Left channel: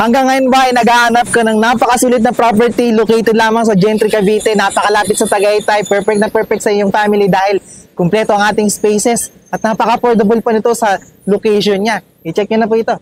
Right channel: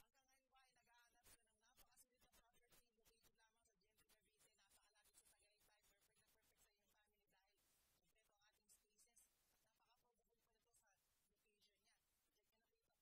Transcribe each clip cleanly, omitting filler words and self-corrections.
Hanggang ngayon ba ay naghahanap ka ng napakasulit na property located lamang sa Gentry, Cavite, napakalapit sa Tagaytay, perfect na perfect sa iyong family dahil kumpleto ang ating spaces at napaka-affordable pa nito sa location niya. I-check nyo na po ito.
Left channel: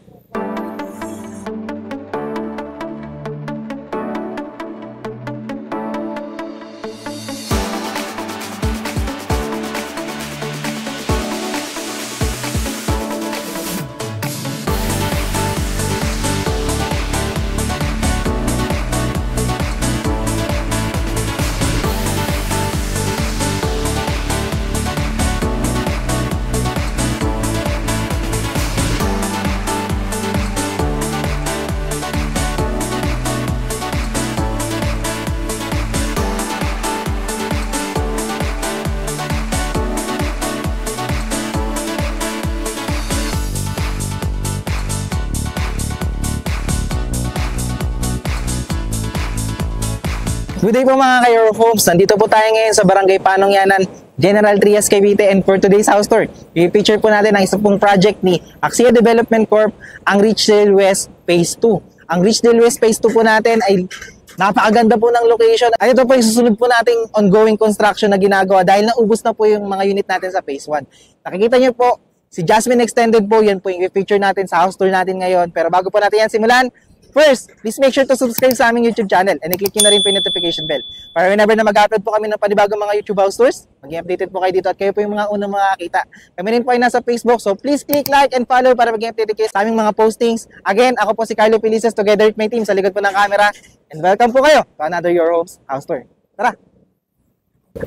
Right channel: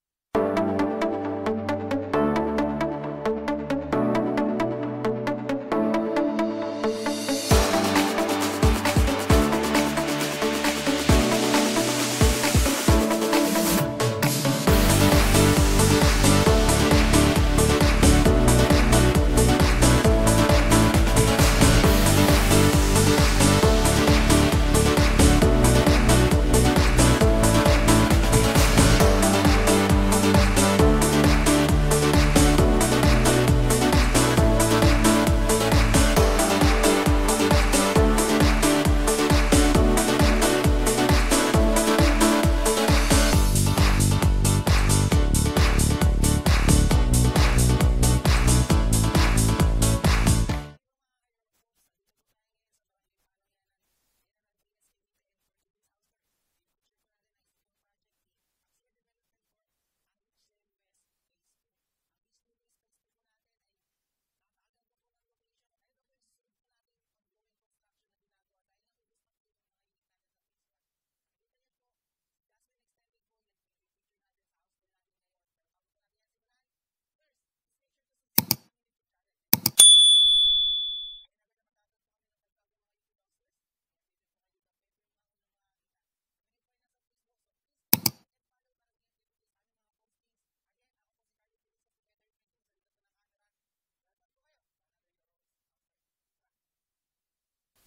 Good day po mga ka-Your Homes. Nandito po tayo ngayon sa Barangay Panongyanan, General Trias, Cavite, and for today's house tour, i-feature po natin ang isa pong project ni Axia Development Corp, ang Richdale West Phase 2. Ang Richdale West Phase 2 po natin ay napakaganda po ng location. At ito po yung susunod po nating ongoing construction na ginagawa dahil naubos na po yung mga unit natin sa Phase 1. Nakikita nyo po, si Jasmine Extended po, yan po yung i-feature natin sa house tour natin ngayon. Pero bago po natin yan simulan, first, please make sure to subscribe sa aming YouTube channel and i-click nyo na rin po yung notification bell para whenever na mag-upload po kami ng panibagong mga YouTube house tours, maging updated po kayo dito at kayo po yung mga unang makakita. Kami rin po ay nasa Facebook, so please click like and follow para maging updated kayo sa aming mga postings. Again, ako po si Carlo Felices together with my team sa likod po ng camera and welcome po kayo to another Your Homes house tour. Tara!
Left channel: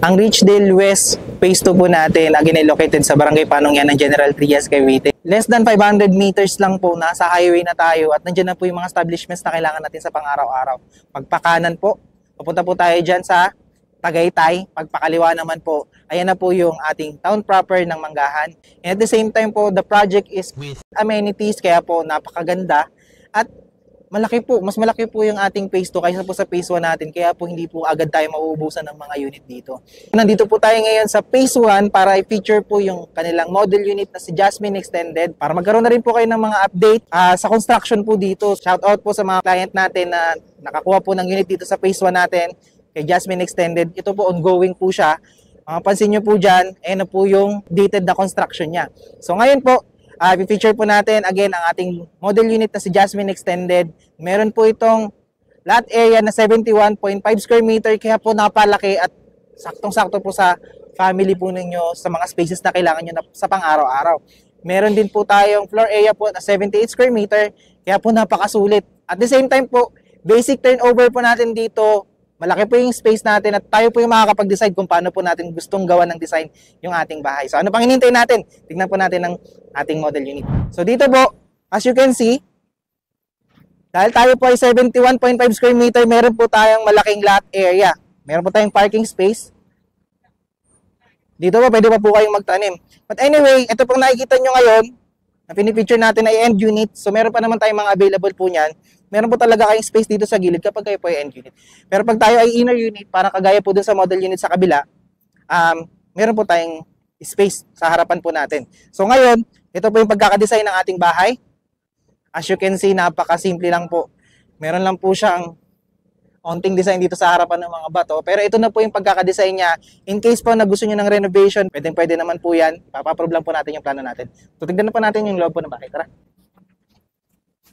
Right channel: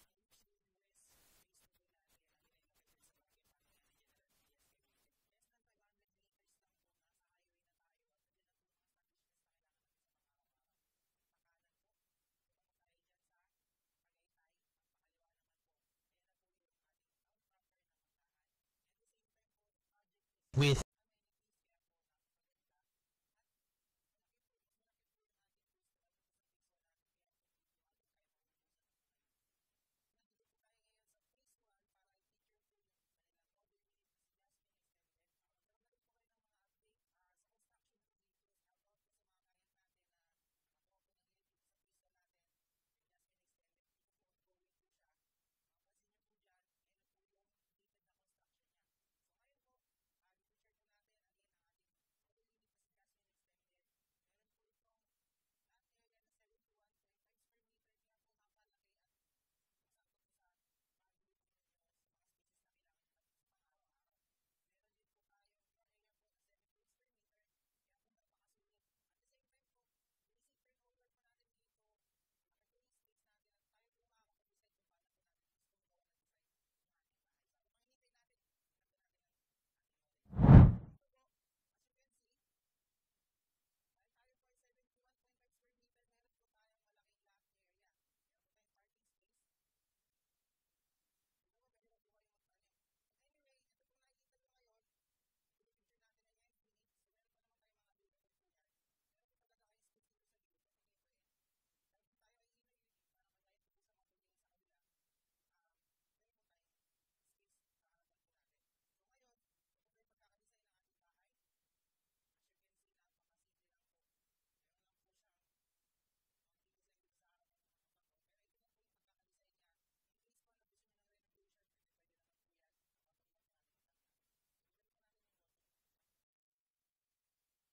Ang Richdale West Phase 2 po natin, again ay located sa Barangay Panongyanan, General Trias, Cavite. Less than 500 meters lang po, nasa highway na tayo at nandiyan na po yung mga establishments na kailangan natin sa pang-araw-araw. Pagpakanan po, papunta po tayo dyan sa Tagaytay. Pagpakaliwa naman po, ayan na po yung ating town proper ng Manggahan. And at the same time po, the project is with amenities, kaya po napakaganda at mas malaki po yung ating phase 2 kaysa po sa phase 1 natin. Kaya po hindi po agad tayo mauubusan ng mga unit dito. Nandito po tayo ngayon sa phase 1 para i-feature po yung kanilang model unit na si Jasmine Extended. Para magkaroon na rin po kayo ng mga update sa construction po dito. Shout out po sa mga client natin na nakakuha po ng unit dito sa phase 1 natin kay Jasmine Extended. Ito po ongoing po siya. Pansin nyo po dyan, ayan na po yung dated na construction niya. So ngayon po, i-feature po natin again ang ating model unit na si Jasmine Extended. Meron po itong lot area na 71.5 square meter kaya po napalaki at saktong-sakto po sa family po ninyo sa mga spaces na kailangan nyo na sa pang-araw-araw. Meron din po tayong floor area po na 78 square meter kaya po napakasulit. At the same time po, basic turnover po natin dito, malaki po yung space natin at tayo po yung makakapag-decide kung paano po natin gustong gawa ng design yung ating bahay. So ano pang hinihintay natin? Tignan po natin ang ating model unit. So dito po, as you can see, dahil tayo po ay 71.5 square meter, meron po tayong malaking lot area. Meron po tayong parking space. Dito po, pwede pa po kayong magtanim. But anyway, ito pong nakikita nyo ngayon, na pinipicture natin ay end unit. So meron pa naman tayong mga available po niyan. Meron po talaga kayong space dito sa gilid kapag kayo po ay end unit. Pero pag tayo ay inner unit, para kagaya po dun sa model unit sa kabila, meron po tayong space sa harapan po natin. So ngayon, ito po yung pagkakadesign ng ating bahay. As you can see, napakasimple lang po. Meron lang po siyang onting design dito sa harapan ng mga bato. Pero ito na po yung pagkakadesign niya. In case po na gusto niyo ng renovation, pwede naman po yan. Papaprove lang po natin yung plano natin. So tignan na po natin yung loob po ng bahay. Tara.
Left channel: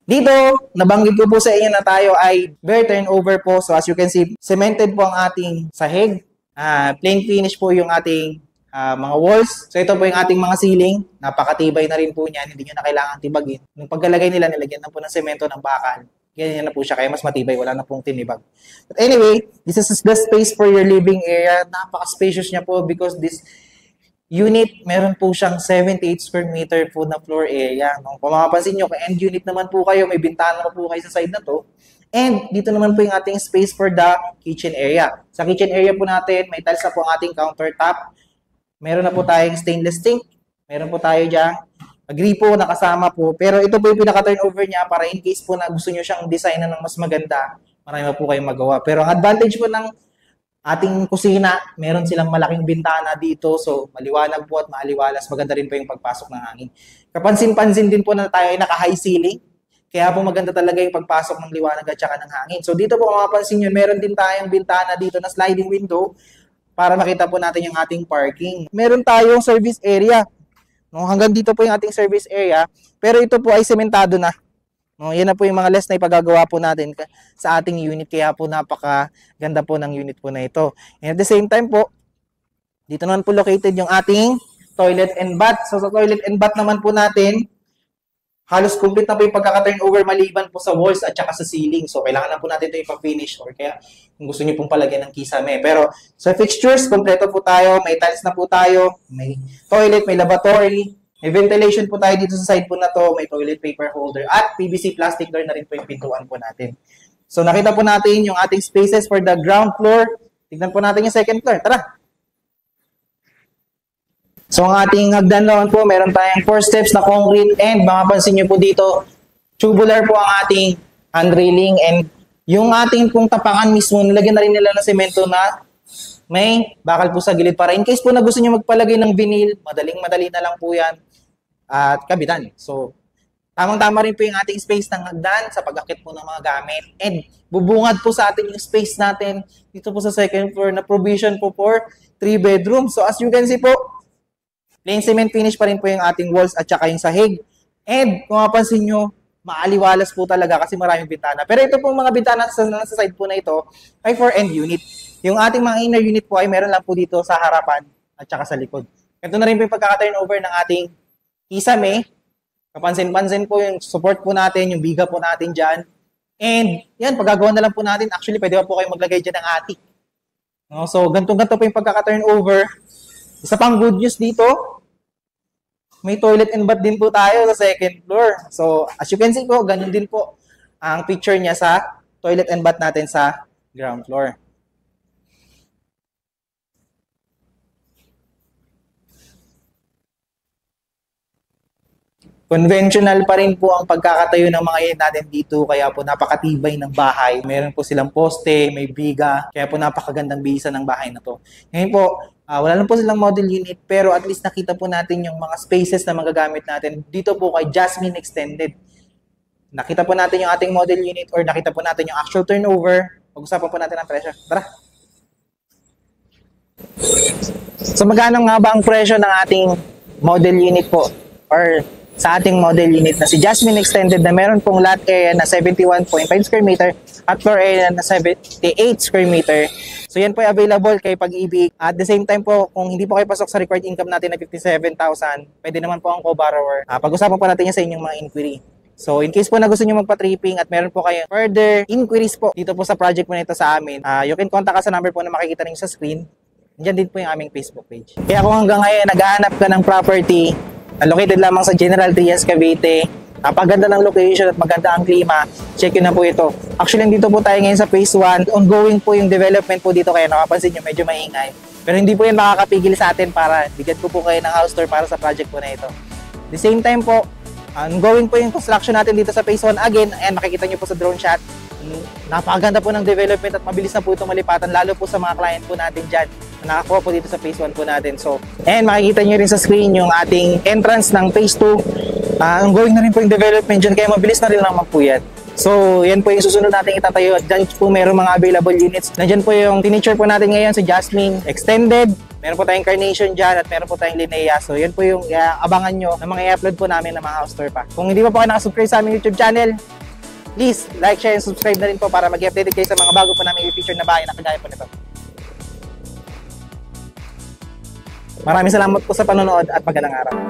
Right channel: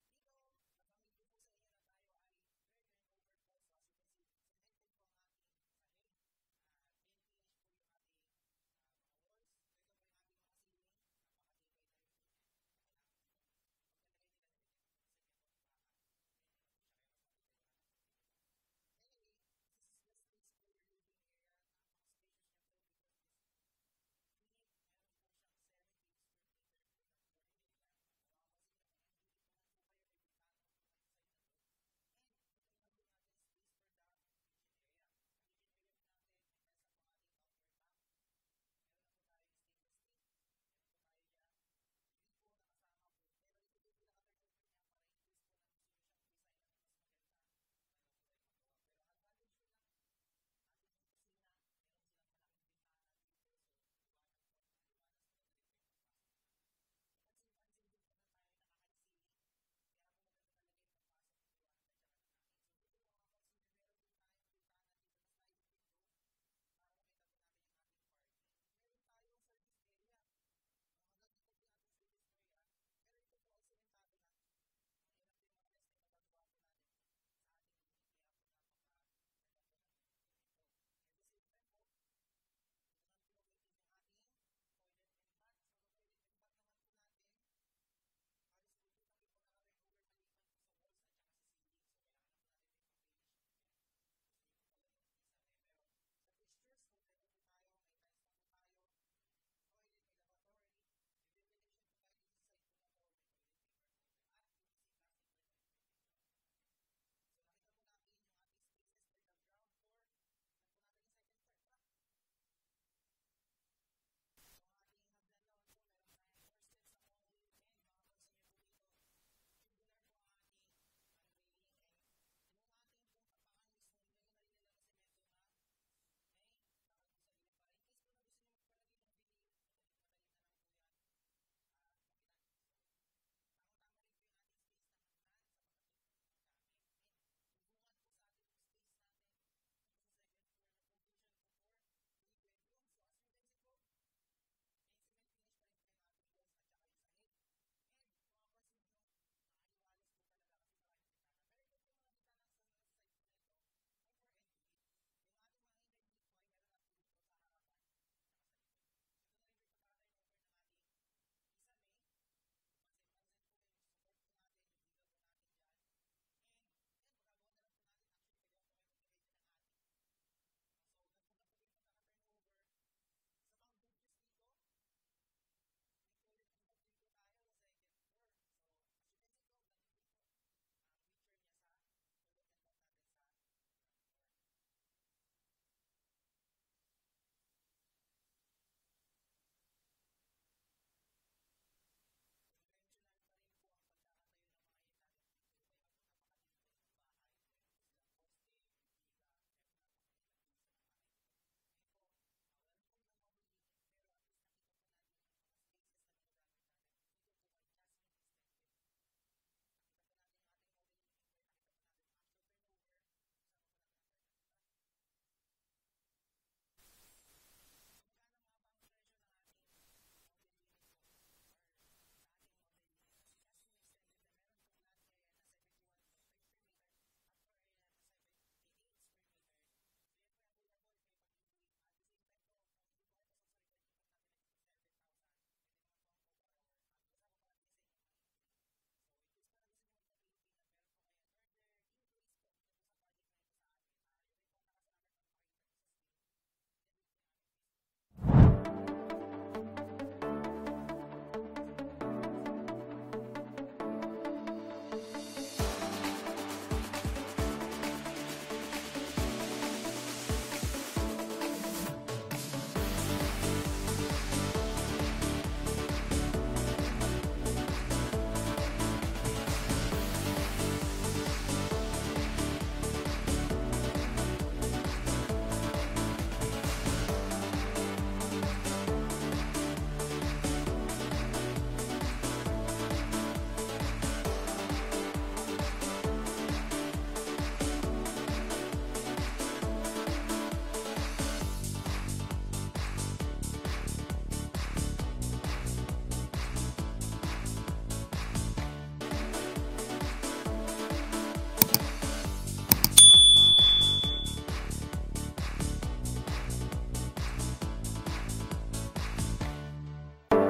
Dito, nabanggit ko po sa inyo na tayo ay bare turnover po. So as you can see, cemented po ang ating sahig. Plain finish po yung ating mga walls. So ito po yung ating mga ceiling. Napakatibay na rin po niyan. Hindi nyo na kailangan tibagin. Nung pagkalagay nila, nilagyan na po ng semento ng bakal. Ganyan na po siya. Kaya mas matibay. Wala na pong tinibag. But anyway, this is the space for your living area. Napaka-spacious niya po because this unit, meron po siyang 78 square meter po na floor area. Kung mapapansin nyo, kung end unit naman po kayo, may bintana na po kayo sa side na to. And dito naman po yung ating space for the kitchen area. Sa kitchen area po natin, may tiles na po ang ating countertop. Meron na po tayong stainless sink. Meron po tayo dyan. Gripo na kasama po. Pero ito po yung pinaka-turnover niya para in case po na gusto nyo siyang designan ng mas maganda, marami po kayong magawa. Pero ang advantage po ng ating kusina, meron silang malaking bintana dito. So, maliwanag po at maaliwalas. Maganda rin po yung pagpasok ng hangin. Kapansin-pansin din po na tayo ay naka-high ceiling. Kaya po maganda talaga yung pagpasok ng liwanag at saka ng hangin. So dito po kung mapapansin nyo, meron din tayong bintana dito na sliding window para makita po natin yung ating parking. Meron tayong service area. No, hanggang dito po yung ating service area, pero ito po ay sementado na. No, yan na po yung mga less na ipagagawa po natin sa ating unit, kaya po napakaganda po ng unit po na ito. And at the same time po, dito naman po located yung ating toilet and bath. So sa toilet and bath naman po natin, halos complete na po yung pagkaka-turnover maliban po sa walls at saka sa ceiling. So kailangan na po natin ito ipag-finish, or kaya kung gusto niyo pong palagyan ng kisame. Pero sa fixtures, kompleto po tayo. May tiles na po tayo. May toilet, may lavatory. May ventilation po tayo dito sa side po na to. May toilet paper holder. At PVC plastic door na rin po yung pintuan po natin. So nakita po natin yung ating spaces for the ground floor. Tignan po natin yung second floor. Tara! So ang ating hagdan naman po, meron tayong 4 steps na concrete, and mapapansin nyo po dito, tubular po ang ating handrailing, and yung ating pong tapakan mismo, nilagyan na rin nila ng semento na may bakal po sa gilid para in case po na gusto nyo magpalagay ng vinyl, madaling-madali na lang po yan at kabitan. So tamang-tama rin po yung ating space ng hagdan sa pag-akit po ng mga gamit, and bubungad po sa atin yung space natin dito po sa second floor na provision po for 3 bedrooms. So as you can see po, plain cement finish pa rin po yung ating walls at saka yung sahig. And kung mapansin nyo, maaliwalas po talaga kasi maraming bintana. Pero ito pong mga bintana sa side po na ito ay for end unit. Yung ating mga inner unit po ay meron lang po dito sa harapan at saka sa likod. Ito na rin po yung pagkaka-turnover ng ating kisame. Kapansin-pansin po yung support po natin, yung biga po natin dyan. And yan, paggagawa na lang po natin. Actually, pwede pa po kayo maglagay dyan ng attic. No? So, ganito-ganito po yung pagkaka-turnover. Isa pang good news dito, may toilet and bath din po tayo sa second floor. So, as you can see po, ganyan din po ang picture niya sa toilet and bath natin sa ground floor. Conventional pa rin po ang pagkakatayo ng mga unit natin dito, kaya po napakatibay ng bahay. Meron po silang poste, may biga, kaya po napakagandang bisa ng bahay na to. Ngayon po, wala lang po silang model unit, pero at least nakita po natin yung mga spaces na magagamit natin dito po kay Jasmine Extended. Nakita po natin yung ating model unit, or nakita po natin yung actual turnover. Pag-usapan po natin ang presyo. Tara! So magkano nga ba ang presyo ng ating model unit po, or sa ating model unit na si Jasmine Extended, na meron pong lot area na 71.5 square meter at floor area na 78 square meter. So yan po ay available kay Pag-ibig. At the same time po, kung hindi po kayo pasok sa required income natin na 57,000, pwede naman po ang co-borrower. Pag-usapan po natin yan sa inyong mga inquiry. So in case po na gusto nyo magpa-tripping at meron po kayo further inquiries po dito po sa project po nito sa amin, you can contact us sa number po na makikita niyo sa screen. Diyan din po yung aming Facebook page. Kaya kung hanggang ngayon naghahanap ka ng property located lamang sa General Trias, Cavite, napaganda ng location at maganda ang klima, check yun na po ito. Actually, dito po tayo ngayon sa phase 1. Ongoing po yung development po dito, kaya nakapansin nyo medyo maingay. Pero hindi po yan makakapigil sa atin para bigyan ko po kayo ng house tour para sa project po na ito. At the same time po, ongoing po yung construction natin dito sa phase 1 again, and makikita nyo po sa drone shot. Napakaganda po ng development at mabilis na po itong malipatan, lalo po sa mga client po natin dyan. Nakakuha po dito sa phase 1 po natin. So, and makikita nyo rin sa screen yung ating entrance ng phase 2. Ongoing na rin po yung development dyan, kaya mabilis na rin naman po yan. So, yan po yung susunod natin itatayo. At dyan po meron mga available units. Nandyan po yung furniture po natin ngayon sa Jasmine Extended. Meron po tayong Carnation dyan at meron po tayong Linnea. So, yan po yung abangan nyo na mga i-upload po namin ng mga house tour pa. Kung hindi pa po kayo nakasubscribe sa aming YouTube channel, please like, share, and subscribe na rin po para mag-update kayo sa mga bago po namin i-feature na bahay na kagaya po nito. Maraming salamat po sa panonood at magandang araw.